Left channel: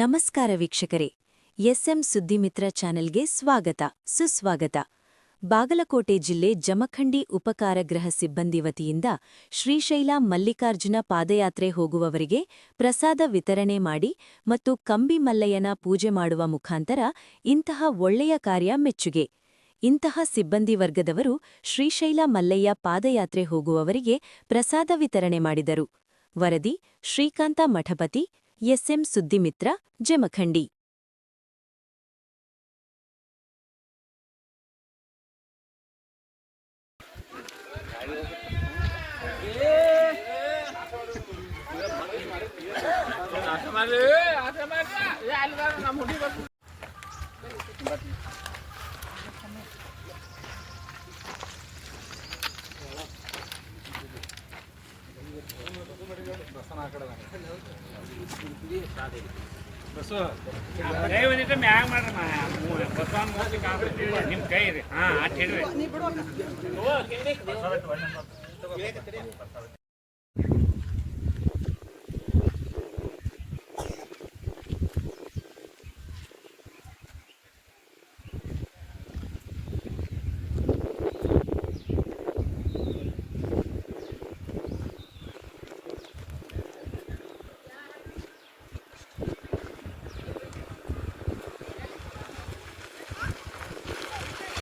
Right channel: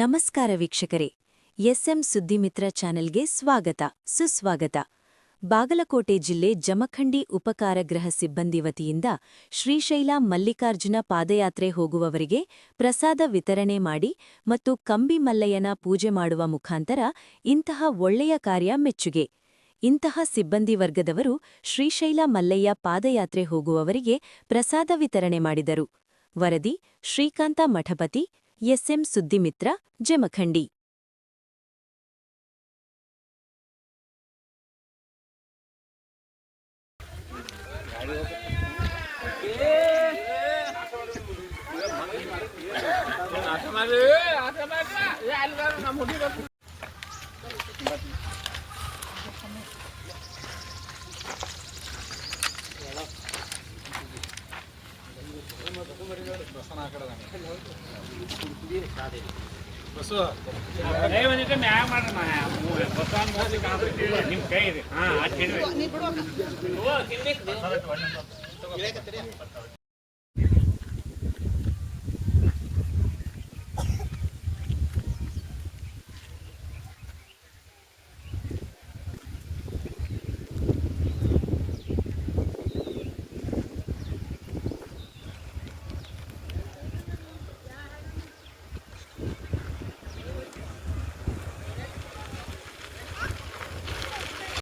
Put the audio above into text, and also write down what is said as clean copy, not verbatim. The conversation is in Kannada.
ನಮಸ್ಕಾರ ವೀಕ್ಷಕರೇ, ಎಸ್ಎಂ ಸುದ್ದಿಮಿತ್ರ ಚಾನೆಲ್ಗೆ ಸ್ವಾಗತ ಸುಸ್ವಾಗತ. ಬಾಗಲಕೋಟೆ ಜಿಲ್ಲೆ ಜಮಖಂಡಿ ಉಪಕಾರಗೃಹ ಸಿಬ್ಬಂದಿ ವತಿಯಿಂದ ಶ್ರೀಶೈಲ ಮಲ್ಲಿಕಾರ್ಜುನ ಪಾದಯಾತ್ರೆ ಹೋಗುವವರಿಗೆ ಪ್ರಸಾದ ವಿತರಣೆ ಮಾಡಿ ಮತ್ತು ಕಂಬಿ ಮಲ್ಲಯ್ಯನ ಪೂಜೆ ಮಾಡುವ ಮುಖಾಂತರ ಇಂತಹ ಒಳ್ಳೆಯ ಕಾರ್ಯ ಮೆಚ್ಚುಗೆ. ಇಂತಹ ಸಿಬ್ಬಂದಿ ವರ್ಗದವರು ಶ್ರೀಶೈಲ ಮಲ್ಲಯ್ಯ ಪಾದಯಾತ್ರೆ ಹೋಗುವವರಿಗೆ ಪ್ರಸಾದ ವಿತರಣೆ ಮಾಡಿದರು. ವರದಿ ಶ್ರೀಕಾಂತ ಮಠಪತಿ, ಎಸ್ಎಂ ಸುದ್ದಿಮಿತ್ರ, ಜಮಖಂಡಿ. ಬಸ್